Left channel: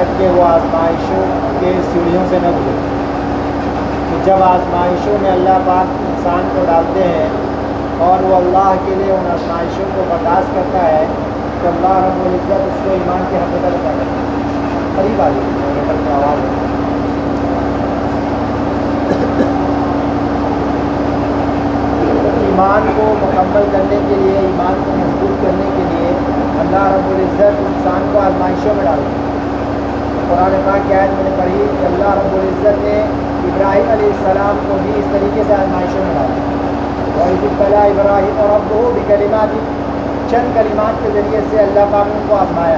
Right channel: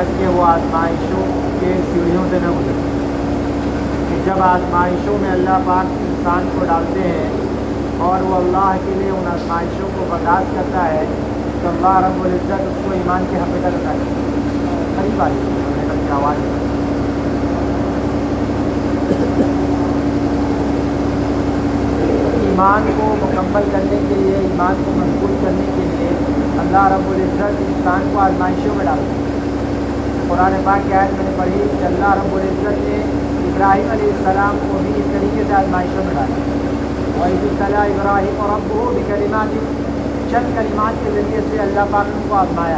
تک کہ وہ آزمائشوں کے سیڑھیوں سے نہ گزرے۔ جب آزمائشوں میں اللہ پاک انسان کو ڈالتے ہیں اور وہ اللہ کے لیے ان آزمائشوں کو برداشت کرتا ہے تو اللہ رب العزت اس کو ایمان کی حقیقت عطا کرتا ہے۔ قریب آ جائے آواز ہے۔ ایمان کو مکمل کرنے کے لیے، ایمان کو مضبوط کرنے کے لیے اللہ رب العزت انسان کو آزمائشوں میں ڈالتا ہے۔ قرآن پاک کی آیت میں نے پڑھی کہ اللہ رب العزت نے ابراہیم علیہ السلام کو بھی اس طریقے سے آزمائشوں میں ڈالا۔ وَإِذِ ابْتَلَىٰ إِبْرَاهِيمَ رَبُّهُ بِكَلِمَاتٍ، چند کلمات کے ذریعے سے اللہ پاک نے ان کو آزمایا۔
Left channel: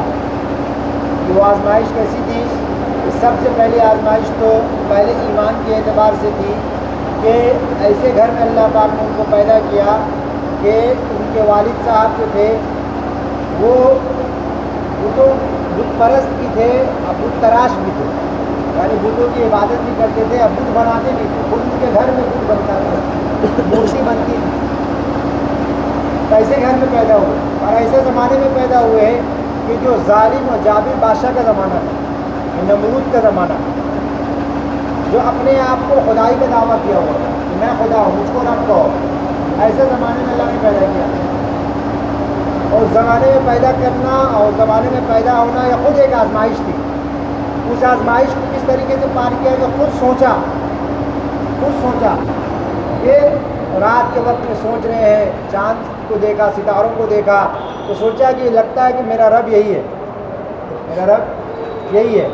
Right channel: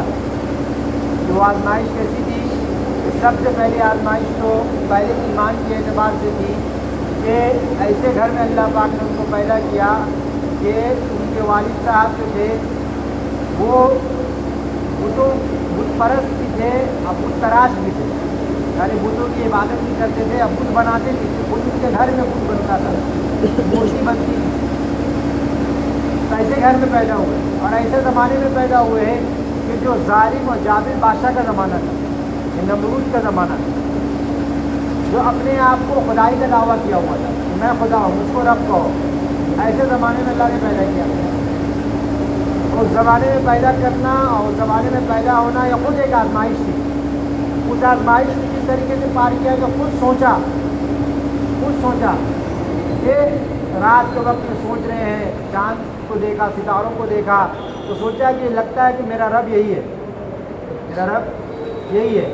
وہ آزمائش کیسی تھی کہ سب سے پہلی آزمائش تو پہلے ایمان کے اعتبار سے تھی کہ ایسے گھر میں اللہ پاک نے ان کو پیدا کیا کہ ان کے والد صاحب جو تھے وہ بت پرست بھی تھے اور بت تراش بھی تھے، یعنی بتوں کی عبادت بھی کرتے تھے، اب بت بناتے بھی تھے، ان کے گھر میں بت بنتا تھا، مورتی بنتی تھی۔ تو ایسے گھر میں پیدا ہوئے اور ایسے زمانے میں پیدا ہوئے کہ جو ظالم اور جابر بادشاہ کا زمانہ تھا، نمرود کا زمانہ تھا، جو اپنے آپ کو خدائی کا دعویٰ کیا ہوا تھا کہ میں خدا ہوں، مجھ کو رب کہو۔ ایسے زمانے میں اللہ نے پیدا کیا، اور اس زمانے میں پیدا کرنا اور اس زمانے میں پیدا ہونا یہ خود ایک آزمائش تھی۔ اس آزمائش کو کس طریقے سے پار کیا تو خود سوچا کہ رات کے وقت میں سوچ رہے ہیں، چاند کو دیکھا، ستاروں کو دیکھا تو سوچا کہ لگتا ہے کہ میرا رب یہی ہے، میرا رب یہی ہے۔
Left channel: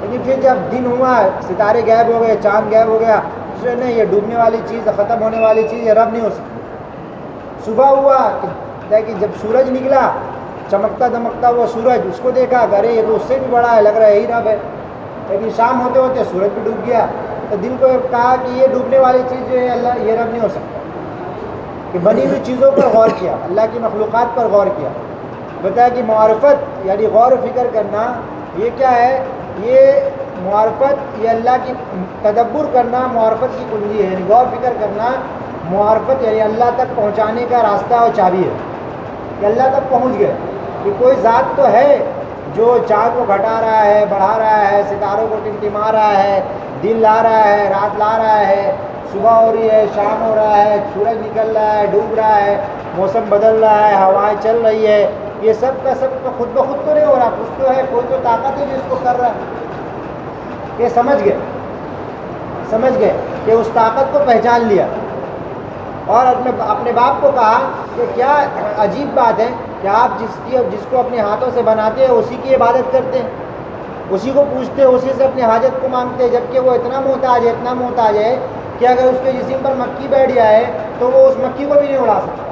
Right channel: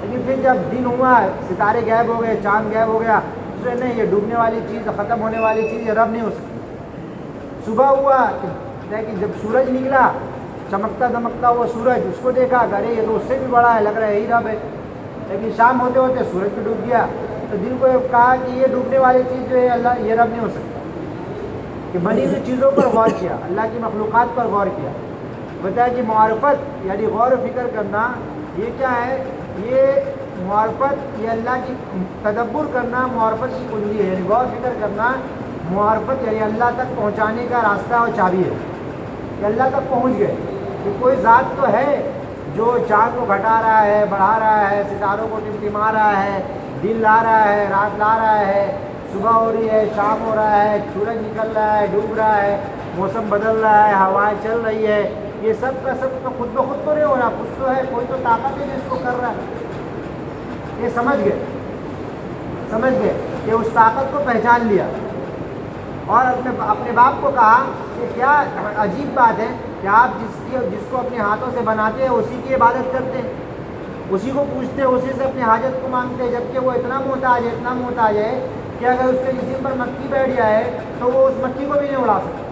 لیکن پھر جب دن ہوا، ستارے غائب ہو گئے، چاند غائب ہو گیا، اس نے نہیں، یہ ڈوبنے والی چیز، ختم ہونے والی چیز، یہ رب نہیں ہو سکتی۔ صبح ہوا کہ جب سورج نکلا، چمکتا دمکتا وہ سورج، اس کو دیکھا کہ ارے یہ تو اس سے بھی بڑا ہے، لگ رہا ہے یہی رب ہے۔ لیکن شام ہوتے ہوتے سورج بھی ڈوب گیا، تو دل کو کہا کہ یہ ڈوبنے والی چیز جو ہے اللہ یہ رب نہیں ہو سکتا۔ کہ بنی ہوئی چیزوں پر غور کیا، اللہ کی مخلوقات پر غور کیا، بتایا کہ معرفت یعنی غور و فکر کرنا یہ کیا ہے، یہ معرفت، یہ اللہ کی تدبر کرنا معرفت کی کنجی ہے، یعنی غور فکر کرنا معرفت یعنی اللہ تک پہنچانے کا راستہ اور چابی ہے۔ کہ اللہ تک پہنچ گئے کہ کوئی ذات تو ہے جو چاند کو گھٹا رہا ہے، بڑھا رہا ہے، ستاروں کو ٹمٹما رہا ہے، دن لا رہا ہے، رات لا رہا ہے، صبح ہو رہی ہے، شام ہو رہا ہے، سورج نکل رہا ہے، ڈوب رہا ہے، موسم بدل رہا ہے، ہوائیں چل رہی ہے، یہ سب کا سب تو خود بخود تو نہیں ہو رہا، کچھ تو ہے، کوئی تو طاقت ہے جو اس کو کر رہا ہے۔ یہ سمجھ گئے کہ اس طاقت کو پہچان لیا اور اپنے باپ کو کہا کہ کیا عجیب بات ہے کہ آپ جس کو اپنے ہاتھوں سے بناتے ہیں اسی کی عبادت کرتے ہیں، اسی کو پوچھتے ہیں، اسی سے اپنی حاجت کو مانگتے ہیں، جبکہ وہ اتنا محتاج ہے کہ اگر اس کے جسم پر مکھی بیٹھ جائے تو وہ اس مکھی کو بھی نہیں اڑا سکتا۔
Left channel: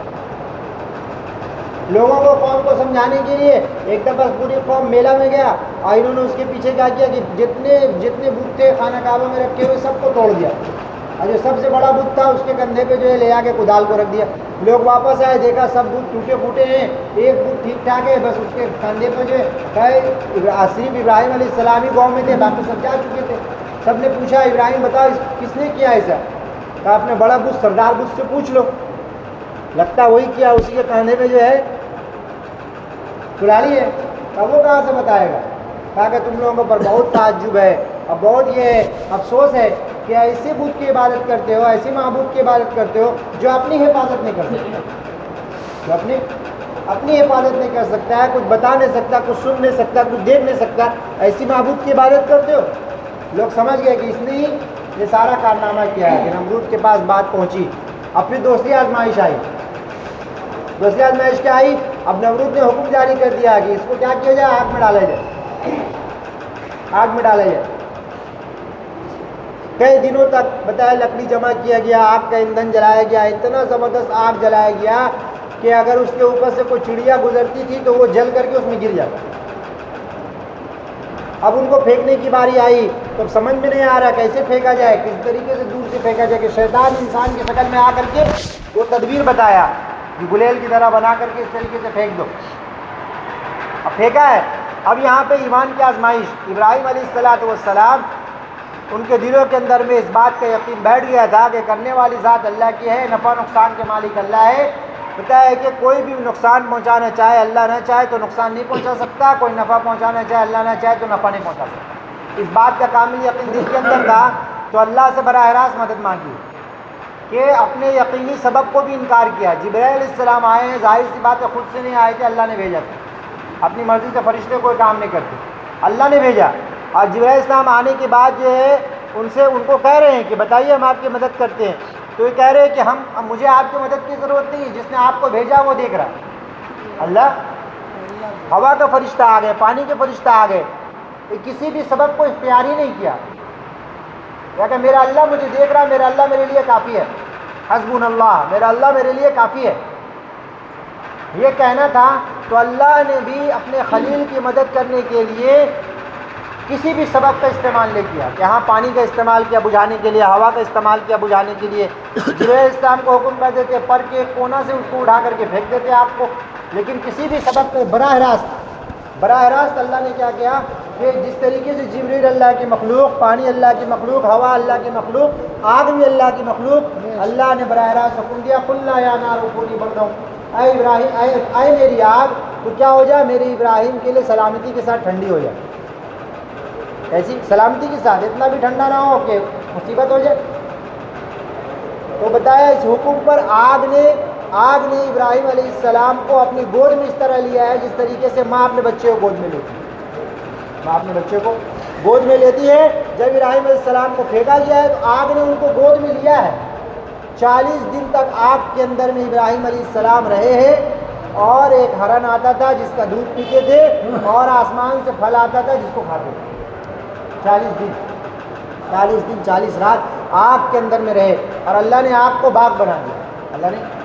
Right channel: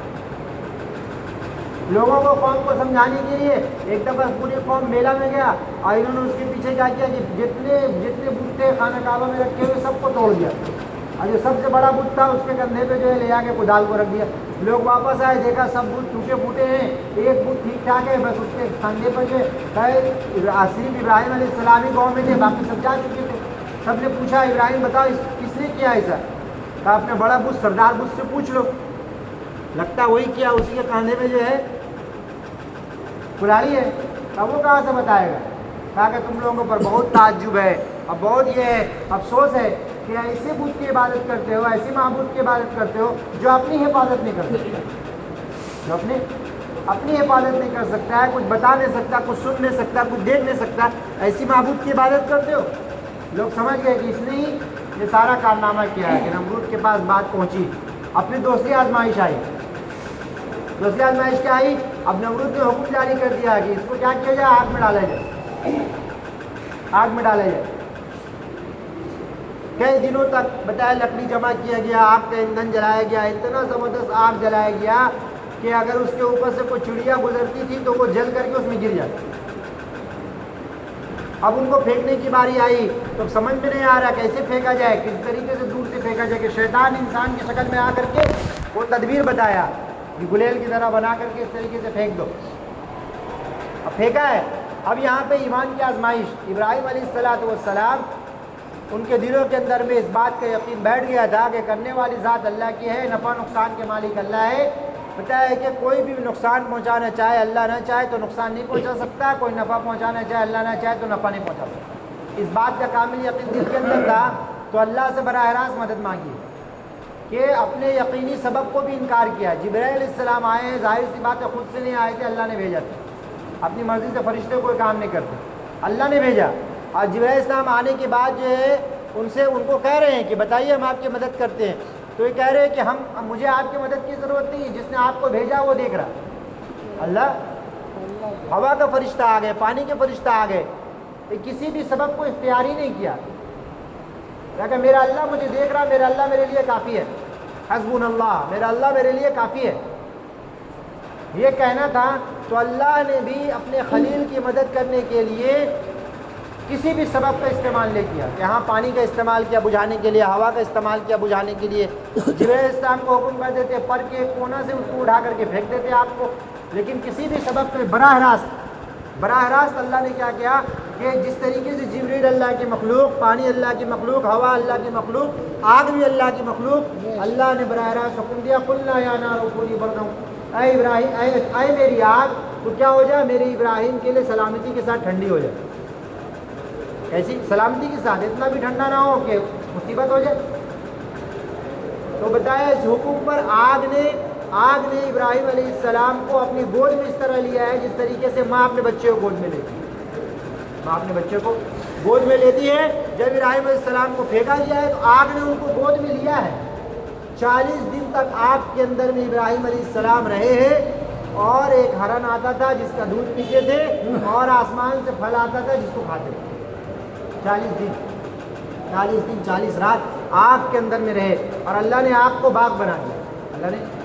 لوگوں کو، قوم کو سمجھانے کے لیے ایک دفعہ پوری قوم میلہ میں گیا اور انہوں نے اس کے پیچھے کیا کیا کہ جتنے بت تھے خانہ کعبہ میں رکھے ہوئے سب کو توڑ دیا، اور جو سب سے بڑا بت تھا اس کے کندھے پہ جو ہے لے آ کے کدال کو رکھ دیا۔ لوگ واپس آئے، دیکھا سب بت ٹوٹے پھوٹے ہیں، ایک بت ٹھیک ٹھاک ہے، بس اس کے کندھے پہ جو ہے صرف ابراہیم علیہ السلام ہی گاؤں میں تھے، باقی سب جا چکے تھے۔ سب نے پوچھا ابراہیم بتاؤ کس نے کیا ایسا؟ کہا اپنے بڑا بت سردار بت سے پوچھ لو، لگتا وہی کیا، اسی کے کندھے پہ جو ہے کلاڑی ہے۔ اب وہ کہاں سے بتائے گا؟ کہا کہ تم لوگوں پر بہت تعجب ہے اور بہت یہ افسوس ہے کہ ایسے بت کی عبادت کرتے ہو، ایسے معبود کی عبادت کرتے ہو جو اپنی حفاظت نہیں کر سکتا، جو اپنی حفاظت نہیں کر سکتا ہے، کچھ بتا نہیں سکتا، کچھ سن نہیں سکتا، کچھ دیکھ نہیں سکتا، ایسی معبود کی عبادت کرتے ہو۔ لوگ سمجھ گئے کہ اس نے ہی یہ سارا کارنامہ کیا ہے۔ کہ نمرود کے پاس بات پہنچی، اپنی دوسری آزمائش آئی۔ دوسری آزمائش کیا آئی؟ اب نمرود نے حکم جاری کر دیا کہ اس کو کیا کیا جائے، آگ میں ڈالا جائے، آگ میں ڈالا جائے۔ کئی دنوں تک بتایا لکڑی جمع کیا گیا، آگ کا ایندھن جلایا گیا، اتنا زبردست آگ جلایا گیا کہ اگر اس کے اوپر سے کوئی چڑیا گزرتی تھی تو وہ جل کر کے اس میں گر جاتا۔ اب ان کو پھینکنے کی باری آئی تو سمجھ میں نہیں آ رہا کیسے پھینکا جائے، کس طریقے سے دور سے پھینکا جائے، کہ شیطان انسان کی شکل میں آ کر کے وہ تدبیر بتایا کہ گلیل کی طرح بنا کر کے اس طریقے سے پھینک دو۔ اب پھینکا ہے۔ اب یہاں پہ ایمان کی آزمائش، ابراہیم علیہ السلام ان کے دلوں کے اندر میں اس بات کا یقین بیٹھ گیا تھا کہ کرنے والی ذات اللہ کی ہے، نفع نقصان کے مالک اللہ ہے، بتایا ہے کہ کوئی بھی نقصان پہنچانا چاہے اللہ نہ چاہے تو نقصان نہیں پہنچا سکتا، کوئی نفع پہنچانا چاہے اللہ نہ چاہے تو نفع نہیں پہنچا سکتا۔ اس بات کا کامل یقین دل کے اندر تھا تو اللہ سے براہ راست مدد مانگی کہ اپنے یقینی سبب کو بھی انکار کیا۔ جبرائیل علیہ السلام آئے ہیں، ظاہر سی بات ہے خود سے نہیں آئے تھے، اللہ نے بھیجا تھا، اپنی مرضی سے فرشتے کوئی کام نہیں کرتے، اللہ نے بھیجا۔ اور جبرائیل علیہ السلام آنے کے بعد جو ہے ان کو کہہ رہے ہیں کہ بتائیے ہم آپ کی مدد کرتے ہیں، تو یہ کہہ رہے ہیں کہ مجھے آپ کی مدد کی ضرورت نہیں ہے، جس نے آپ کو بھیجا وہ دیکھ رہا۔ اللہ، ہوا کا فرشتہ آ گئے، پانی کے فرشتہ آ گئے، کسی بھی سبب کو اختیار ہی نہیں کیا، کہ میرا اللہ مجھے دیکھ رہا، میرا اللہ میرے لیے کافی ہے، حسبنا اللہ، میرا اللہ میرے لیے کافی ہے، یہ کہنا تھا۔ تو اللہ نے بھی اپنے خلیل کی مدد کرنے کے لیے کسی بھی سبب کا استعمال نہیں کیا، کہ ہاں پانی کا استعمال کیا بجھانے کے لیے، ہوا کا استعمال کیا بجھانے کے لیے، جبرائیل السلام کو حکم کر دیتے پر کے کونا سے اس کو اٹھا کر کے پھینک دیتے آپ کو، لیکن کسی بھی سبب پہ براہ راست اللہ نے کیا کیا کہ جس طریقے سے جبرائیل اللہ کی مخلوق، پانی اللہ کی مخلوق، ہوا اللہ کی مخلوق، آگ بھی اللہ کی مخلوق، اللہ نے براہ راست حکم دیا قلنا یا نار کونی بردا، اے ابراہیم، اے میری آگ تو کیا ہو جائے، میری ابراہیم کے لیے سلامتی کے ساتھ ٹھنڈی ہو جائے، ایسی سلامتی کے ساتھ، اتنا بھی ٹھنڈا نہ ہو کہ مصیبت ہو جائے۔ تو بتایا اس حکم پر آگ نے ابراہیم علیہ السلام کو اپنی گود میں اس طرح لیا ہے جس طریقے سے ماں اپنے بچے کو گود میں لیتی ہے، ماں اپنے بچے کو گود میں لیتی ہے۔ جب ابراہیم علیہ السلام کو پھینکا گیا ہے تو آگ نے ان کو گود میں لیا ہے، 40 دن تک آگ کے اندر میں ابراہیم علیہ السلام رہے ہیں، اور ایک ہرن آتا تھا جس کا دودھ پیتے تھے، اور آسمان سے پھل آتا تھا جس کو کھاتے تھے۔ 40 دن 40 رات آگ کے اندر میں رہے، اور اللہ نے آگ کو باغ بنا دیا۔ اللہ نے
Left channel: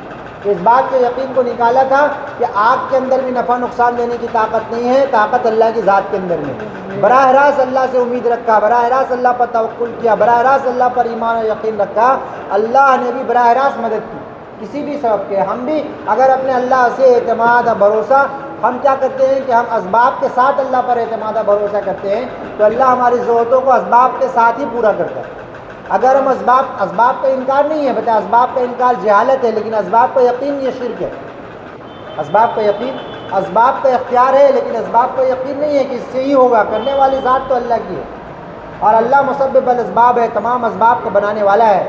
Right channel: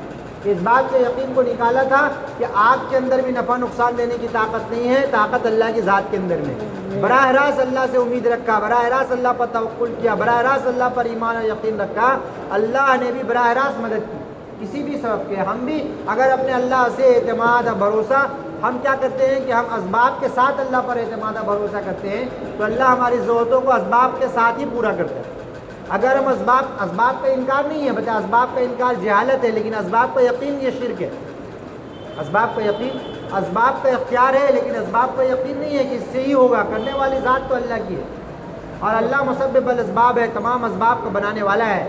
اس بات کے یقین کو نکالا تھا کہ آگ کے اندر بھی نفع نقصان دینے کی طاقت نہیں ہے، طاقت اللہ کی ذات کے اندر میں۔ براہ راست اللہ سے امید رکھا، براہ راست اللہ پر توکل کیا، براہ راست اللہ پر ایمان و یقین رکھا، اللہ نے بھی براہ راست مدد کی کسی بھی سبب کے۔ ہم بھی اگر اپنے اللہ سے اعتماد اور بھروسہ، ہم کیا کرتے ہیں کہ ہم اسباب کے ساتھ اللہ پر اعتماد اور بھروسہ کرتے ہیں تو اللہ ہماری ضرورتوں کو اسباب کے ساتھ ہی پورا کرتا ہے۔ اگر ہم اسباب کا انکار نہیں ہے، بتا اسباب کا انکار جہالت ہے، لیکن اسباب کا یقین یہ شرک ہے۔ اسباب کا یقین، اسباب کا اختیار ہے لیکن اسباب کا یقین نہیں ہے کہ اس سے ہی ہوگا، کرنے والی ذات تو اللہ کی ہے، اور اللہ مسبب الاسباب ہے، تمام اسباب کو بنانے والا ہے۔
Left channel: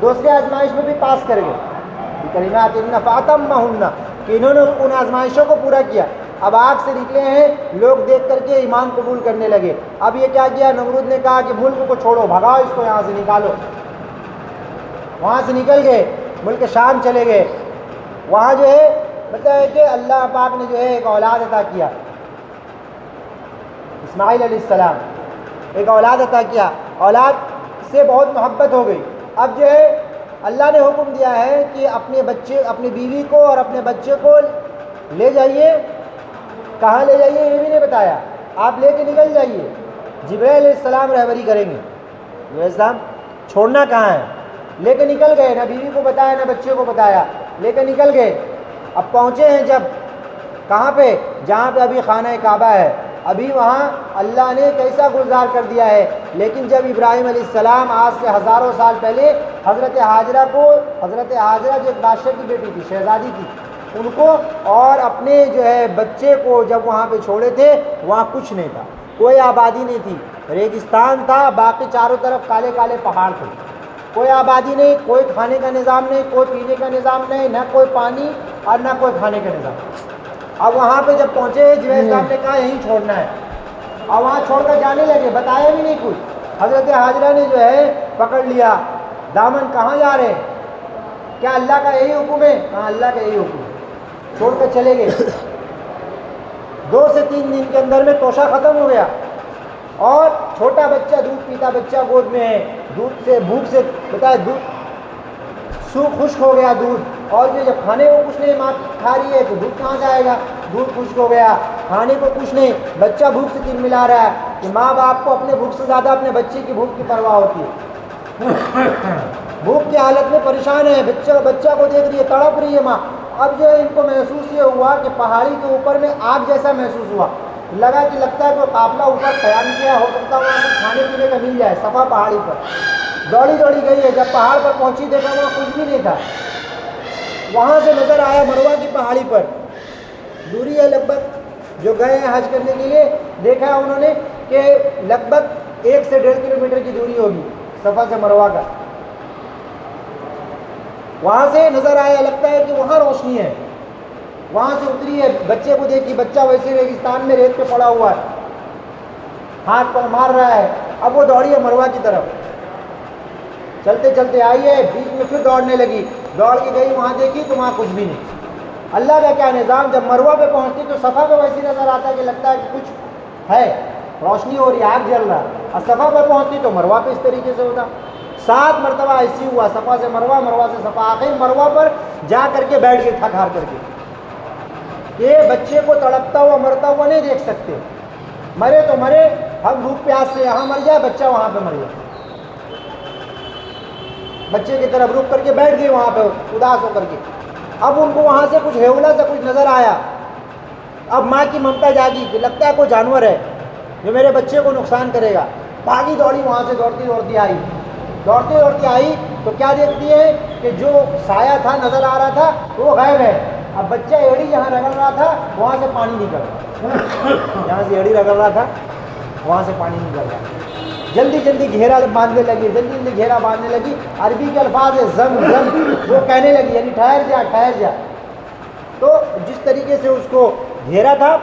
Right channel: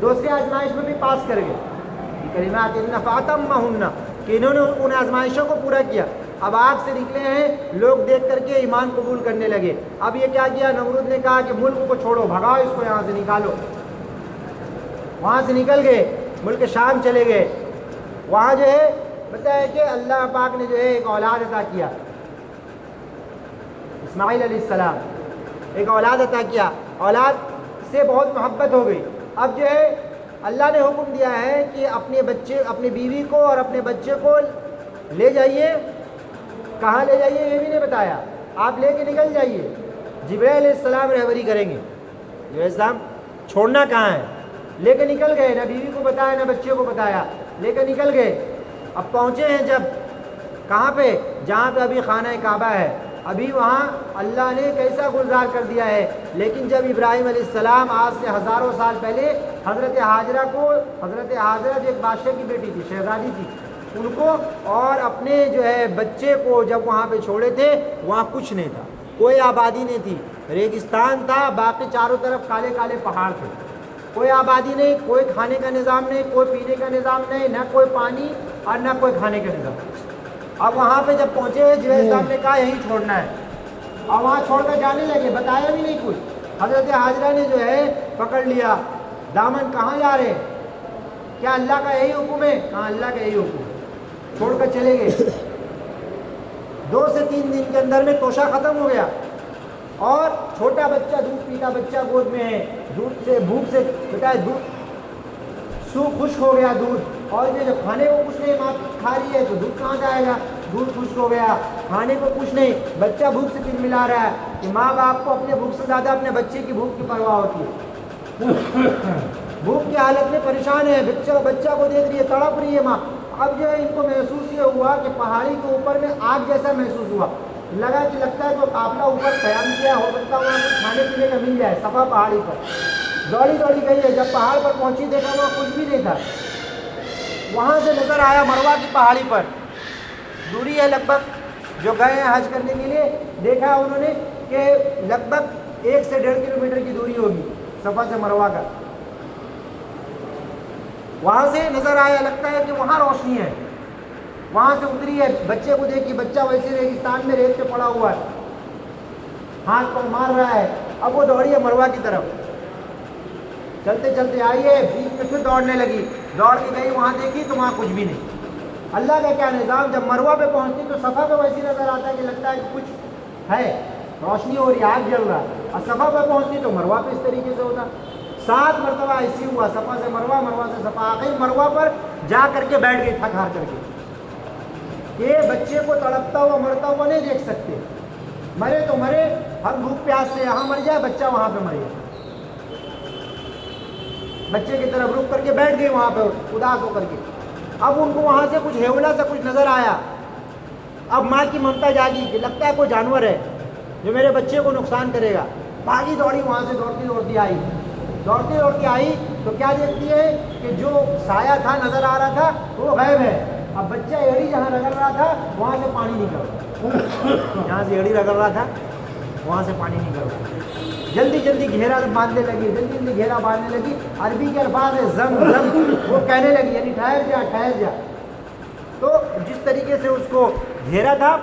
دوسرے آزمائش میں بھی پاس کر گئے، کلمات فاتمہن، کہ انہوں نے ان آزمائشوں کو پورا کیا۔ اب آگ سے نکلے ہیں لوگ، دیکھ کر کے ایمان قبول کرنے لگے۔ اب یہ کیا کیا، نمرود نے کہا کہ ملک کو چھوڑو، بھگاؤ اس کو یہاں سے، نکالو۔ وہاں سے نکل گئے، ملک شام چلے گئے۔ وہاں جو ہے بتایا کہ اللہ پاک نے جو ہے ایک اولاد عطا کیا، اسماعیل علیہ السلام، ایک اولاد عطا کیا، اولاد سے بہت محبت ہو گئی۔ اب جو ہے اللہ نے حکم دیا ہے کہ اپنی بیوی کو اور اپنے بچے کو لے جائیے۔ کہاں لے جائیے یہ بھی نہیں بتایا، آپ لے کے نکل جائیے، جبرائیل علیہ السلام رہبری کریں گے۔ جبرائیل السلام چھوڑنا کہاں ہے، لے کے نکل گئے، نہ بیوی کو بتایا نہ بچے کو بتایا، لے کے نکل گئے۔ اب پہنچے ہیں جب کہاں پہ، جہاں پہ ابھی خانہ کعبہ ہے، ابھی وہاں اللہ نے کیسا گلزار کر دیا ہے۔ لیکن جب ابراہیم علیہ السلام آج سے ہزاروں سال پہلے حضرت حاجرہ جو ایک بادشاہ کی بیٹی تھی، شہزادی تھی، ان کو اور اپنے جو ہے بچے کو جب وہاں پہ چھوڑے تھے، وہاں کچھ نہیں تھا، کوئی آبادی نہیں تھی، ریگستان تھا، باقی چاروں طرف کالے کالے پہاڑ تھے، کوئی آبادی نہیں، کوئی کھانے کا نظام نہیں، کوئی پینے کا نظام نہیں، نہ کوئی پانی اور نہ کوئی کھانے کا نظام۔ اب وہاں پہ جب پہنچے، جبرائیل السلام نے کہا یہیں چھوڑنا ہے، اور وہاں چھوڑ کر جانے لگے، بتایا بھی نہیں کچھ۔ حضرت حاجرہ نے جو ہے پکڑ لیا دامن، کہاں جا رہے ہیں، کیا اللہ کا یہی حکم ہے، ہاں اللہ کا یہی حکم ہے، چھوڑ کر چلے گئے۔ 2 سے 3 دن کے اندر میں توشہ ختم ہو گیا، اور چھوٹا بچہ، دودھ پیتا بچہ گود میں ہے، دودھ سے بھوک سے بتایا دودھ خشک ہو گیا دودھ، اور جو جب کھانے کو کچھ نہیں، ماں کھا رہی ہے تو دودھ کہاں جائے گا، دودھ خشک ہو گیا، کھانے کو کچھ نہیں، بچہ بھوک سے تلملا رہا ہے، کہ ماں باپ کو اپنے بھوک سے زیادہ اپنے بچے کی بھوک کی پرواہ ہوتی ہے، بھوک کی حالت میں پریشان ہے، بچہ کو دیکھ رہی ہے، تڑپ رہی ہے ماں۔ اب جو ہے ان کو محسوس یہ ہوا کہ پہاڑی کے اوپر میں آگ جیسا محسوس ہوا، لگتا ہے جو قافلہ اوپر قیام کیا، ہو سکتا ہے وہاں کچھ کھانے پینے کا مل جائے، صفا پہاڑی پر دوڑی گئی ہے، جب پہاڑ پر پہنچی دیکھا وہاں کچھ بھی نہیں تھا، وہاں سے نظر آیا مروہ کی پہاڑی پر، دوری ہے لگ بھگ، جو گئے ہیں حج کرنے کے لیے دیکھا انہوں نے کہ لگ بھگ 1 سے 1.5 کلومیٹر کی دوری ہوگی صفا سے مروہ کا. وہاں سے نظر آیا، لگتا ہے کہ وہاں روشنی ہے. وہاں سے اتری ہے، بچے کو دیکھی، بچہ ویسے ریگستان میں ریت پہ پڑا ہوا ہے، ہاتھ پاؤں مار رہا ہے. اب وہ دوڑی ہے مروہ کی طرف، چلتے چلتے آئی ہے، بیچ میں پھر دوڑنے لگی، دوڑ کے گئی، وہاں دیکھی تو وہاں کچھ بھی نہیں. اللہ کا کیا نظام، جب مروہ پہ پہنچتی تو صفا پہ ویسے نظر آتا ہے کہ لگتا ہے کہ کچھ ہے، روشنی ہو رہی ہے، آگ جل رہا ہے، اور صفا پہ پہنچتی تو مروہ پہ اس طریقے سے ہوتا. 7 مرتبہ ایسی ہوا، صفا سے مروہ، مروہ سے صفا. آخر مروہ پر جا کر کے بیٹھ گئی تھک ہار کر کے. یہ بچے کو تڑپتا ہوا مرتا ہوا نہیں دیکھ سکتے، مرے تو مرے، ہم بھوک پیاس سے یہاں مر جائے، بچہ وہاں پہ مر جائے. بچے کی طرف رک کر کے بیٹھ گئی وہاں پہ اداس ہو کر کے. اب ان کو وہاں سے کچھ ہیولا سا کچھ نظر آیا. اب ماں کی ممتا جاگی کہ لگتا ہے کوئی جانور ہے جو میرے بچے کو نقصان کرے گا. بھاگی دوڑی وہاں سے دوڑتی دوڑتی آئی. دوڑتی دوڑتی آئی تو کیا دیکھتی ہے کہ جو سایہ تھا نظر آ رہا تھا وہ غائب ہے. اب بچہ ایڑی جہاں رگڑ رہا تھا وہاں سے پانی نکل رہا، جہاں سے ایڑی رگڑ رہا تھا وہاں سے پانی نکل رہا. جلدی جلدی گھیرا باندھنے لگی، جلدی جلدی گھیرا باندھنے لگی. عربی کے الفاظ ہے زم زم، وہ کہنے لگی یعنی ٹھہر جا ٹھہر جا. تو جس طریقے سے اس کو گھیرا تھا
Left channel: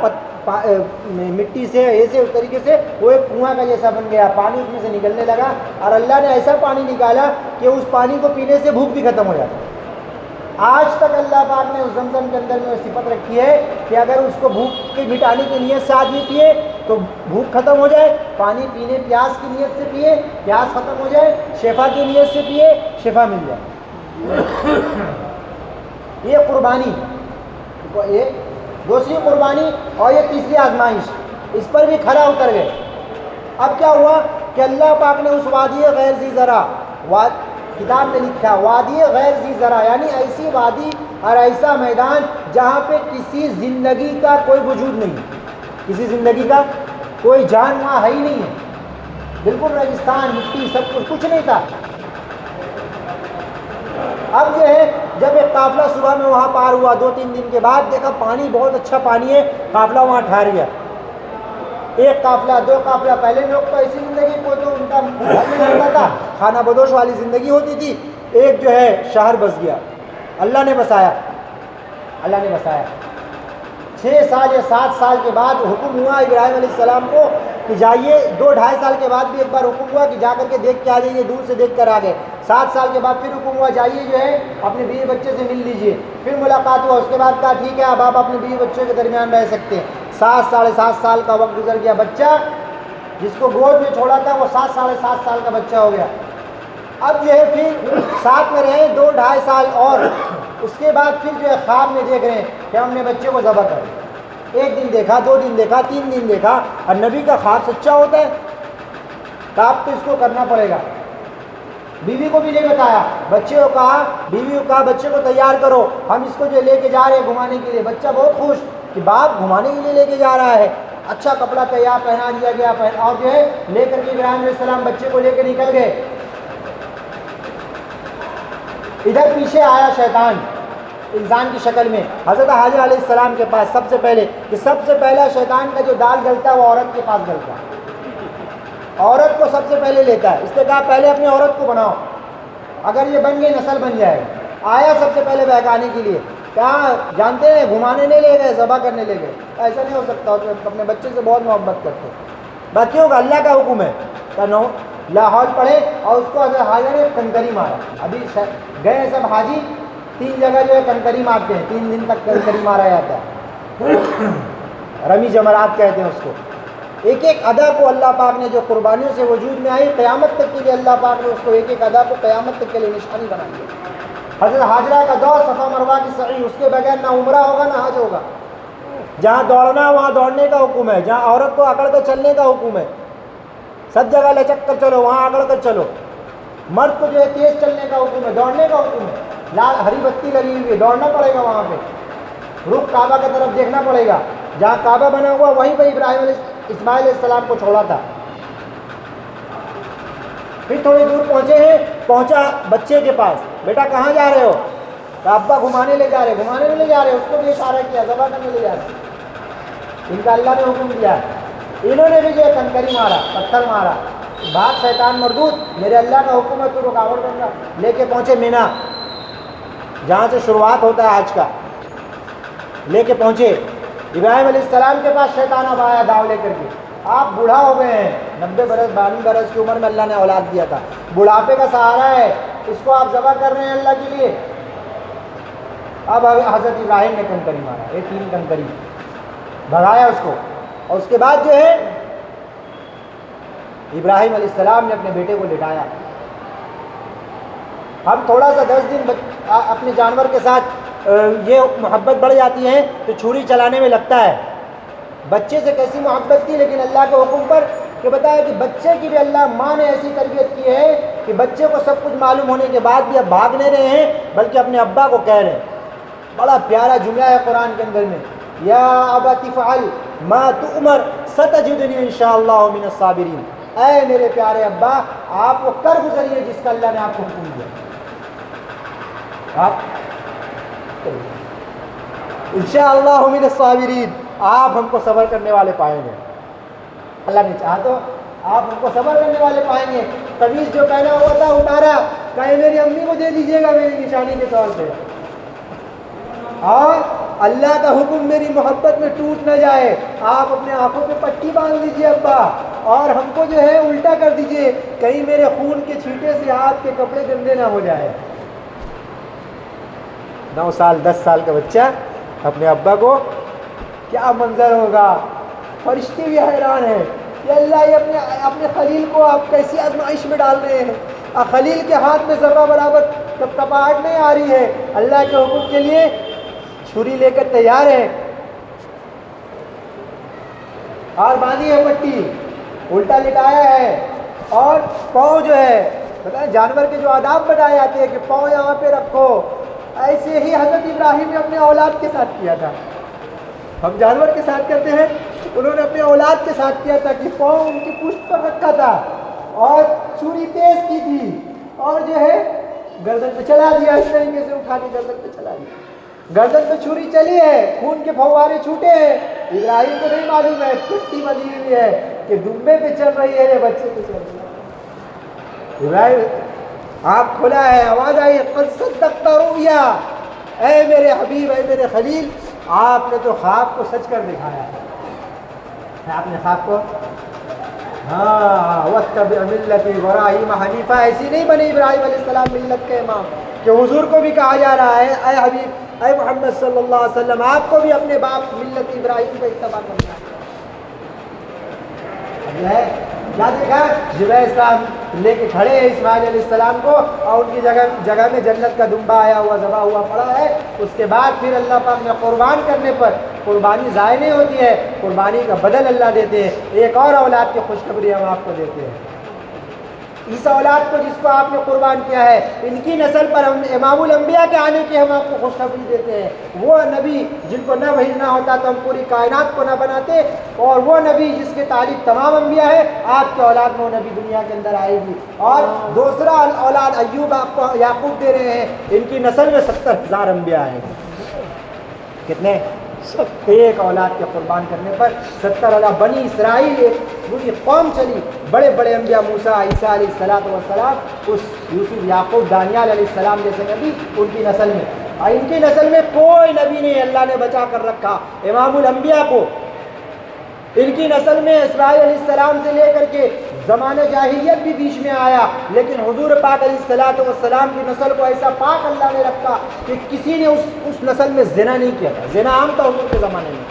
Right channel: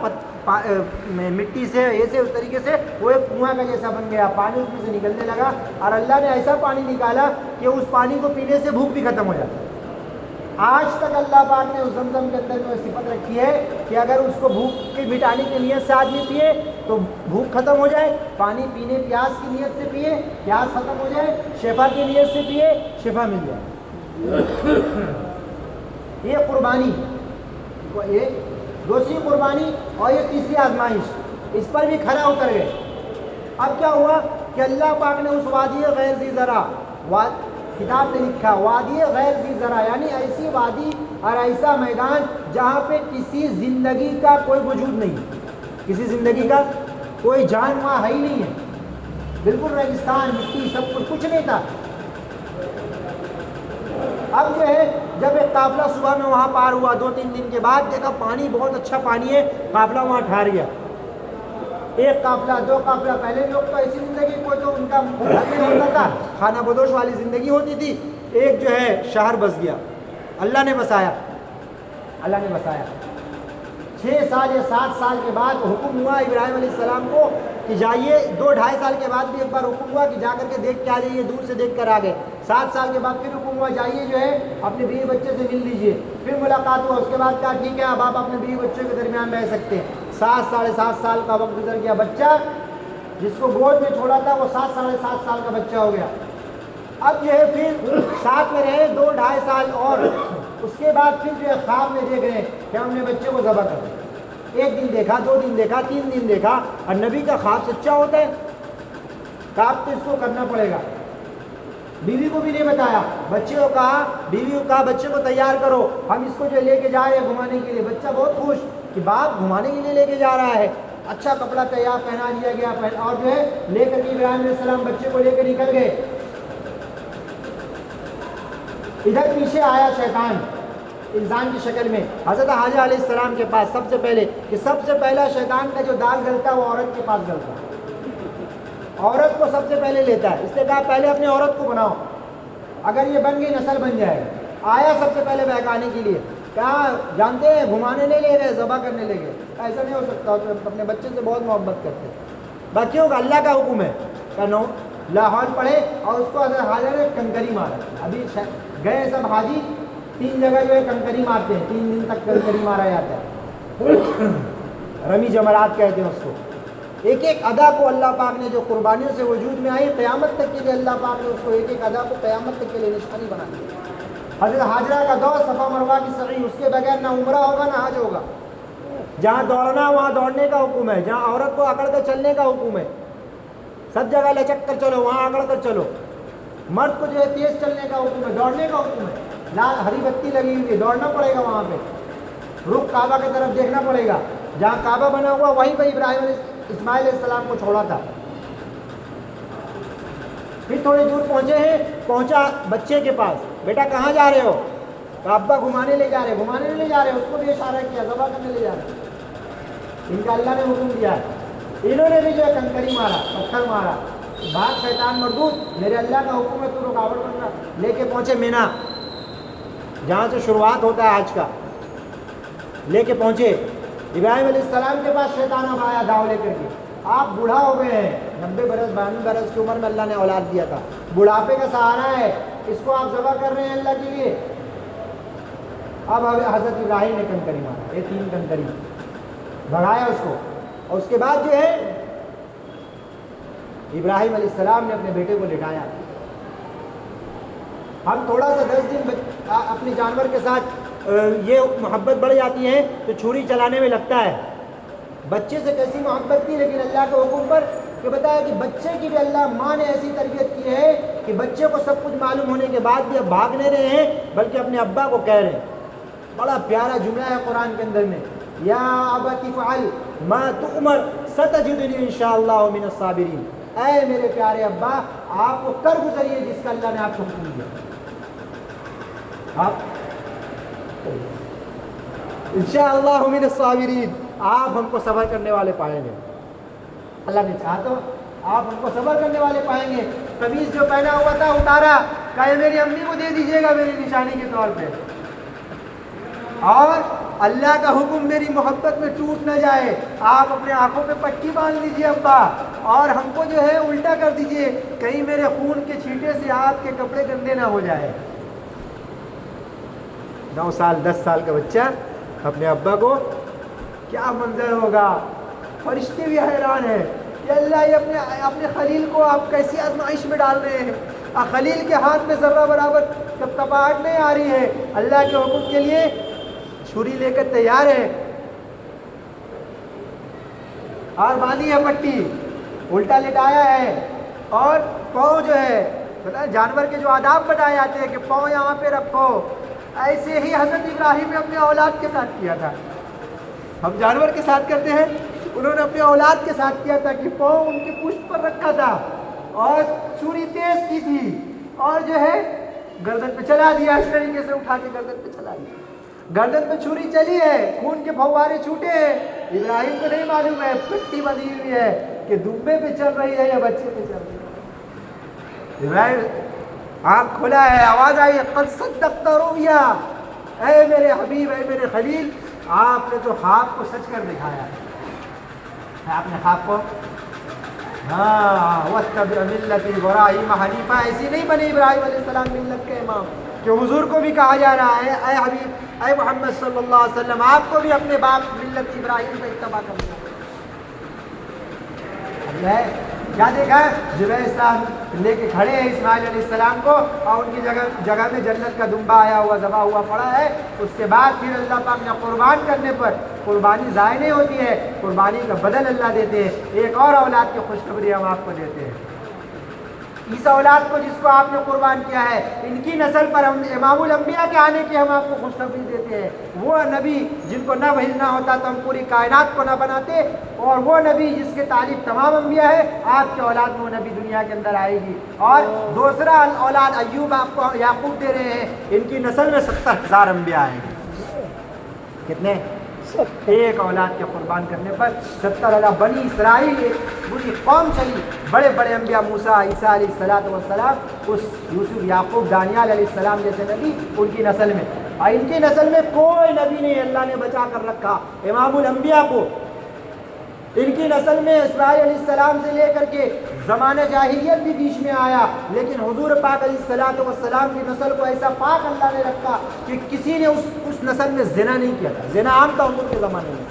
مٹی سے ایسے اس طریقے سے وہ ایک کنواں کا جیسا بن گیا، پانی اس میں سے نکلنے لگا. اور اللہ نے ایسا پانی نکالا کہ اس پانی کو پینے سے بھوک بھی ختم ہو جاتا. آج تک اللہ پاک نے اس زمزم کے اندر میں صفت رکھی ہے کہ اگر اس کو بھوک کے مٹانے کی نیت سے آدمی پیے تو بھوک ختم ہو جائے، پانی پینے پیاس کی نیت سے پیے پیاس ختم ہو جائے، شفا کی نیت سے پیے شفا مل جائے. یہ قربانی، ایک دوسری قربانی اور یہ تیسری آزمائش، اس پر بھی کھڑا اتر گئے. اب کیا ہوا کہ اللہ پاک نے اس وادی غیر ذی زرع، کتاب نے لکھا وادی غیر ذی زرع، یعنی ایسی وادی اور ایسا میدان جہاں پہ کسی زندگی کا کوئی وجود نہیں، کسی زندگی کا کوئی جان وہاں ہے ہی نہیں ہے، بالکل ریگستان، مٹی، سب کچھ نہیں تھا. اب جو ہے جب ایک قافلہ صبح میں وہاں پار ہوا، 2-3 دن کے بعد دیکھا پانی بہت اچھا پانی ہے، قافلہ وہاں ٹھہر گیا. ایک قافلہ، 2 قافلہ. پہلے لوگ تو ایسی زندگی، کوئی تو ان کا نہیں ہوتا تھا، کھانا بدوش والی زندگی ہوتی تھی. ایک جو ہے شہر بس گیا، اللہ نے بسایا، اللہ نے بسایا. 6 سال یا 7 سال کے بعد حکم ہوا ابراہیم علیہ السلام کو کہ جائیے. 2-2.5 سال کے بعد بھی ایک بار حکم ہوا کہ جا کر کے دیکھ کے آ جائیے، دور سے دیکھ کر آ گئے. 7 سال کے بعد پھر حکم ہوا جائیے جو ہے اپنے بیوی بچے سے مل لیجیے. پھر ملاقات ہوا، اس کے بعد کہا ٹھیک ہے اب آپ اپنے بیوی بچے کے درمیان رہ سکتے ہیں. 7-7.5 سال کا وقت گزر گیا. بچہ جس کو گود میں چھوڑا تھا وہ 7-7.5 سال کا بچہ ہو گیا. اب جو ہے پھر ساتھ میں رہے 2-2.5 سال، اور اس کے بعد پھر جو ہے خواب میں دیکھ رہے ہیں کہ ہم نے بچے کو ذبح کر. 1 دن دیکھا، 2 دن دیکھا، 3 دن دیکھا. اور نبی کا خواب سچا ہوتا ہے، خواب تو اس کو کرنا پڑے گا. بیوی کو بھی نہیں بتایا، بچے کو کہا، بیوی کو کہا بچے کو تیار کرو، ہم اس کو جو لے کے جا رہے ہیں گھمانے کے لیے. بچہ بہت خوش کہ باپ گھمانے کے لیے لے کے جا رہا ہے. اچھا کپڑا تیار پہنا دیا گیا، اور جو ہے لے کر کے ابراہیم علیہ السلام بچے کو لے کے نکل گئے. ادھر پیچھے آیا شیطان انسان کی شکل میں حضرت حاجر علیہ السلام کے پاس. سب سے پہلے کہ سب سے پہلا شیطان کا جو دال گلتا ہے وہ عورت کے پاس گلتا ہے، عورت کو سب سے پہلے لیتا ہے. اس نے کہا پہلے اپنی عورت کو بناؤ، اگر یہ بن گئی نسل بن جائے گی. آیا سب سے پہلے بہکانے کے لیے. کہا جانتے ہیں گھمانے نہیں لے گئے، ذبح کرنے لے گئے. ایسا نہیں ہو سکتا، اپنے بچے سے بہت محبت کرتے. بچوں کا اللہ کا حکم ہے. نو لاہور پڑھے اور اس کو حاجر نے کنکری مارا. ابھی گئے سب حاجی 3 جگہ جو ہے کنکری مارتے ہیں، 3 دن تک کنکری مارا جاتا ہے، رمی جمرات کہتے ہیں اس کو. ایک ایک ادا کو اللہ پاک نے جو قربانیوں سے وجود میں آئی قیامت تک کے لیے اللہ پاک نے اس کو ایک ایک ادا کو قیامت تک کے لیے نشانی بنا دیا. حضرت حاجرہ کا دور صفا مروہ کی سعی، اس کے بغیر نہ عمرہ ہوگا نہ حج ہوگا. جہاں دوڑنا وہاں دوڑنے کا حکم ہے، جہاں عورت کو اکڑ کر چلنے کا حکم ہے. سب جگہ لچک کر چلو، وہاں اکڑ کر چلو. مرد کو جو ہے تیز چلنے کا حکم ہے، دوڑنے کا حکم ہے. لال ہری بتی لگی ہوئی ہے، دوڑنا پڑے گا وہاں پہ. رخ کعبہ کی طرف دیکھنا پڑے گا، جہاں کعبہ بنا ہوا وہیں پہ ابراہیم اسماعیل علیہ السلام کو چھوڑا تھا. پھر تھوڑی دور پہنچے ہیں، پہنچا بچے کے پاس. بیٹا کہاں جا رہے ہو؟ تو ابا گھمانے لے جا رہے، گھمانے نہیں لے جا رہے، اس کو بھی اشارہ کیا ذبح کرنے لے جا رہے، ان کا اللہ نے حکم دیا ہے، انہوں نے بھی جو ہے کنکری مارا، پتھر مارا، بات شیطان مردود، میرے اللہ کا حکم ہے تو رکاوٹ بن گیا، لے کے پہنچے مینا، جہاں سے شروعات ہوتا ہے آج کا، لے کے پہنچے ابراہیم علیہ السلام کے پاس، شیطان اب آیا داؤ لے کر کے، آپ بوڑھا ہو گئے ہیں، 90 برس 92 برس کی عمر میں اللہ نے اولاد دیا تھا، بڑھاپے کا سہارا ہے، اس کو آپ ذبح کر رہے ہیں اللہ کے لیے۔ اب حضرت ابراہیم نے کنکری مارا، یہ 3 کنکری بھگایا اس کو، اور اس کے بعد جو ہے ابراہیم علیہ السلام نے اپنے بیٹے کو لٹایا۔ ہم تھوڑا سا 10 دن اپنے جانور کے ساتھ یہ محبت بڑھ جاتی ہے تو چھری چلانے میں لگتا ہے، بچے سے کیسی محبت تھی، لیکن اللہ کے حکم پر کہ بتایا کہ بچے کی بھی اللہ ماں نے ایسی تربیت کی ہے کہ بچے کو سب کچھ معلوم ہونے کے بعد بھی اب بھاگ نہیں رہے ہیں بلکہ اپنے ابا کو کہہ رہے ہیں۔ بڑا پیارا جملہ ہے قرآن کے اندر میں، یا ابت افعل ما تؤمر ستجدنی انشاءاللہ من الصابرین، اے میرے پیارے ابا آپ وہ کر گزریے جس کا اللہ نے آپ کو حکم دیا، آپ انشاءاللہ من الصابرین، آپ ہم کو صبر کرنے والے پائیں گے، اللہ نے چاہا تو آپ ہم کو صبر کرنے والے پائیں گے۔ قمیص جو پہنا ہوا تھا اتارا، کہا میری امی کو دے دیجیے گا میری نشانی کے طور پہ، اور اللہ کا حکم میری محبت میں ٹوٹ نہ جائے، آپ اپنے آنکھوں پہ پٹی باندھ دیجیے ابا، اور ہم کو جو ہے الٹا کر دیجیے، کہیں میرے خون کے چھینٹے سے آپ کے کپڑے گندے نہ ہو جائے۔ 9 سال 10 سال کا بچہ اپنے ابا کو، کیا منظر ہوگا، فرشتے بھی حیران ہیں کہ اللہ یہ اپنے خلیل کو آپ کیسی آزمائش میں ڈال رہے ہیں، خلیل کے ہاتھ میں ذرہ برابر جب کپاہٹ نہیں آ رہی ہے، اللہ کے حکم کے لیے چھری لے کر تیار ہے، اور باندھی ہے پٹی، الٹا لٹایا ہے، اور پاؤں جو ہے جانور کے جو آداب بتائے جاتے ہیں کہ پاؤں یہاں پہ رکھو، ایسے ہی حضرت ابراہیم نے اپنے اولاد کے ساتھ کیا تھا، ہم جانور کے ساتھ کرتے ہیں، انہوں نے اپنے اولاد کے ساتھ کیا تھا کہ پاؤں ان کی پشت پر رکھا تھا، اور چھری تیز کی تھی، اور جو ہے گردن پہ چلا دیا، اس طریقے سے اٹھا کے گردن پہ چلا دیا، گردن پہ چھری چلی ہے، خون کے فوارے چھوٹے ہیں، ابراہیم کو نہیں معلوم ہے پٹی بندھی ہوئی ہے کہ دمبے پہ چل رہی ہے، بچے پہ چل رہی ہے۔ ابراہیم آنکھ کھلا ہے، آواز آئی قد صدقت رؤیا، اے میرے حبیب، اے میرے خلیل، آپ نے تو خواب کو سچ کر دکھایا ہے، آپ نے خواب کو، ہاں واتبع ملت ابراہیم حنیفہ، ایسی نہیں بنے ابراہیم علیہ السلام ملت کے امام، کہ حضور کو بھی کہا جا رہا ہے اے حبیب، اے محمد صلی اللہ علیہ وسلم، آپ کو بھی اپنے باپ ملت ابراہیم کا اتباع کرنا ہے۔ کیا دیکھا، جبرائیل السلام لے کے کھڑے ہیں اسماعیل علیہ السلام کو، اور ان کی جگہ میں جنت کا دمبا آیا ہوا ذبح ہوا پڑا ہے، اس کے بعد پھر اللہ پاک نے قربان کرنے پر، قربانی ضائع نہیں ہوتی ہے، قربانی کا بدل اللہ دیتے ہیں، ایک اور اولاد کی خوشخبری ہم آپ کو دیتے ہیں، اس اولاد کو جس کو آپ نے قربان کیا ہے، ان کی نسل پر ہم امام الانبیاء کے آنے کی ہم آپ کو خوشخبری دیتے ہیں، وہ نبی جن کو نہ وحی نہ ہوتا تو ہم پوری کائنات کو نہ بناتے، اور وہ نبی جس کے تعلیم تمام انبیاء ہے، آپ کے اولاد میں وہ نبی دنیا کے اندر آئے گی، اور دوسرا اولاد ایوب آپ کو یعقوب دے رہے ہیں، ان کی نسل میں 70,000 انبیاء آئیں گے، کتنے؟ ایک اولاد کے قربان کرنے پر 70,000 بنی اسرائیل، ایک پوری قوم چلی، بڑے بڑے انبیاء موسیٰ، عیسیٰ علیہ السلام، اس یوسف یعقوب دانیال علیہ السلام جیسے نبی ان کی نسل میں، اور ان کی نسل میں کوئی نبی نہیں اللہ نے بچا کر رکھا امام الانبیاء کو، ان کی نسل میں اسماعیل علیہ السلام سے لے کر کے زمانہ جاہلیت بھی بیچ میں آیا، لیکن حضور پاک علیہ السلام کی نسل کو ایسا پاک اللہ نے رکھا کہ کسی نے اس نسل میں زنا نہیں کیا تھا، زنا عام تھا حضور کے زمانے میں،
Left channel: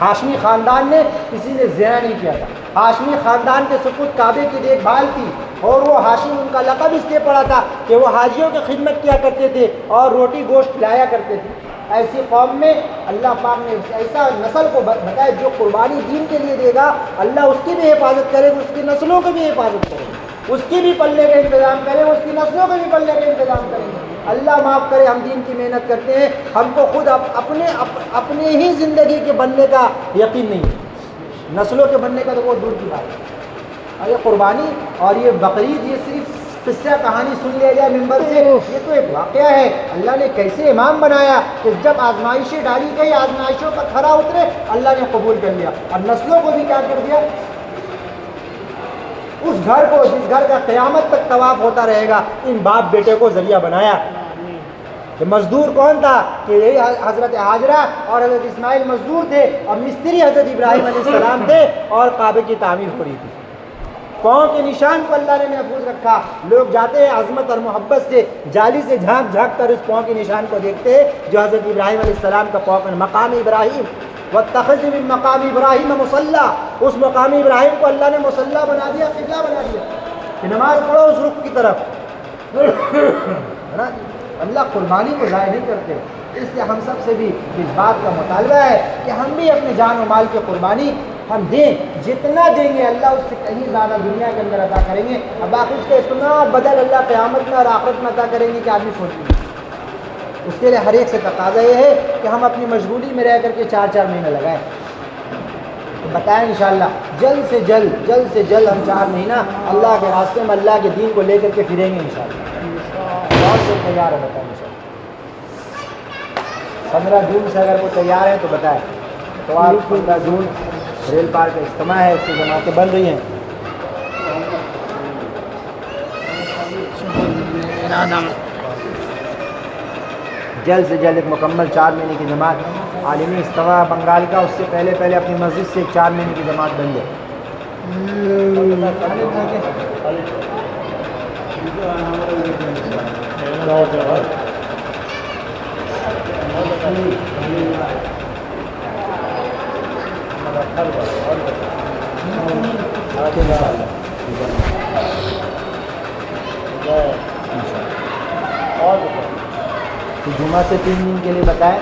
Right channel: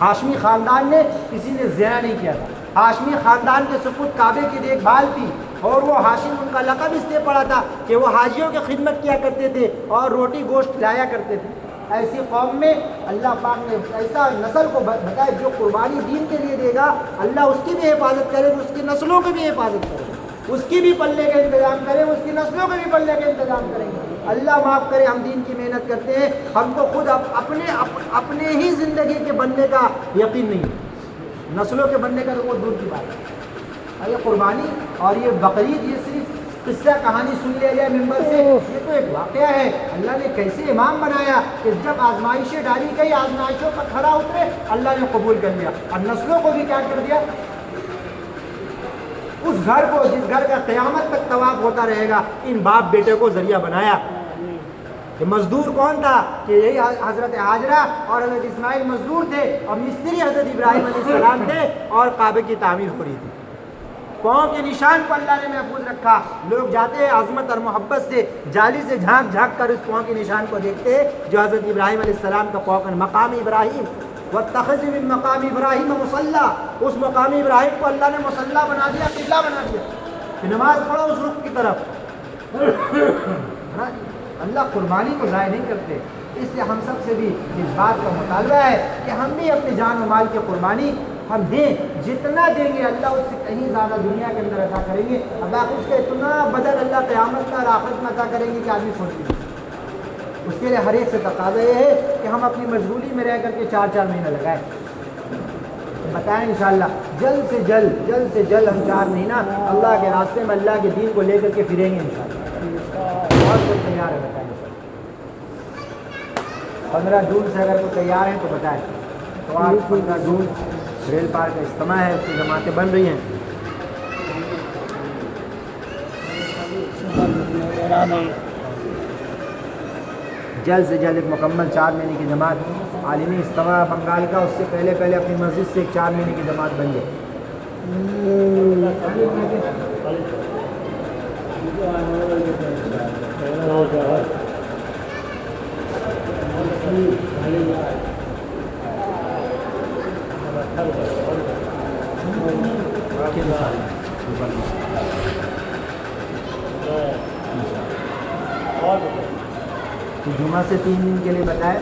ہاشمی خاندان نے کسی نے زنا نہیں کیا تھا، ہاشمی خاندان کے سپرد کعبے کی دیکھ بھال کی، اور وہ ہاشم ان کا لقب اس لیے پڑا تھا کہ وہ حاجیوں کی خدمت کیا کرتے تھے اور روٹی گوشت کھلایا کرتے تھے، ایسی قوم میں اللہ پاک نے ایسا نسل کو بتایا جو قربانی دین کے لیے دے گا، اللہ اس کی بھی حفاظت کرے گا، اس کی نسلوں کی بھی حفاظت کرے گا، اس کی بھی پلے کا انتظام کرے گا، اس کی نسلوں کے بھی پلے کا انتظام کرے گا۔ اللہ معاف کرے، ہم دین کی محنت کرتے ہیں، ہم کو خود اپنے ہی زندگی کے بننے کا یقین نہیں ہے، نسلوں کے بننے کا تو بہت دور کی بات ہے، اور یہ قربانی اور یہ بقرعید یہ صرف قصہ کہانی سن لیا جائے ممبر سے، یہ تو ایک واقعہ ہے اللہ نے کیسے امام بنایا کہ جب آزمائشیں ڈالی گئی آزمائشوں پر کھرا اترے اللہ نے قبول کر لیا اور نسلوں کو بھی کیا کر دیا، اس گھر کو جس گھر کا قیامت تک طواف ہوتا رہے گا ان باپ بیٹے کو ذریعہ بنایا۔ کہ مزدور کون تھا کہ یہی حضرت حاجرہ اور حضرت اسماعیل مزدور تھے اور مستری حضرت ابراہیم علیہ السلام تھے اور کعبے کی تعمیر ہو رہی تھی۔ پاؤں کے نشان کو اللہ نے محفوظ رکھا، لوگ جاتے ہیں عظمت اور محبت سے جالی سے جھانک جھانک کر اس پاؤں کے نشان کو دیکھتے ہیں جو حضرت ابراہیم علیہ السلام کا پاؤں کا مقام ابراہیم، واتخذوا من مقام ابراہیم مصلی، اس مقام ابراہیم کو اللہ نے مصلی بنا دیا، قبلہ بنا دیا کہ نماز پڑھو اس رخ کی طرف۔ اللہ قربانی کو ضائع نہیں کرتے، اس لیے ہم سب سے بھی اس بات کا مطالبہ ہے کہ ہم بھی اپنے جان و مال کی قربانی ہم دیں، جتنا دیں گے اللہ اس سے کہیں زیادہ دنیا کے اندر عطا کریں گے، اب آپ اس کا اتنا بدل اللہ قیامت میں اور آخرت میں عطا کریں گے کہ آدمی سوچ نہیں۔ اس کے لیے ہر ایک سے تقاضا یہ ہے کہ ہم اپنی مشغولی میں رہ کر کے 4 مہینے لگائیں، بتائیں انشاءاللہ جلد سے جلد ہم 4 مہینہ اللہ کے راستے میں اللہ کے دین کو لے کر کے پھریں گے انشاءاللہ۔ بہت سے تیار ہے بتائیں مجھے 15 جون سے اگر وہ تیار ہیں تو بتائیں، تو آپ 15 جون ریل پارک کا اجتماع ہے، اس کی جماعتیں بن رہی ہیں۔ جلد سے جلد ایک مکمل 4 مہینے کی جماعت عالمی اجتماع بنگال کا، اس سے پہلے اپنی مسجد سے 4 مہینے کی جماعت بن جائے۔ جمعہ سے 3 دن کے لیے بتائیں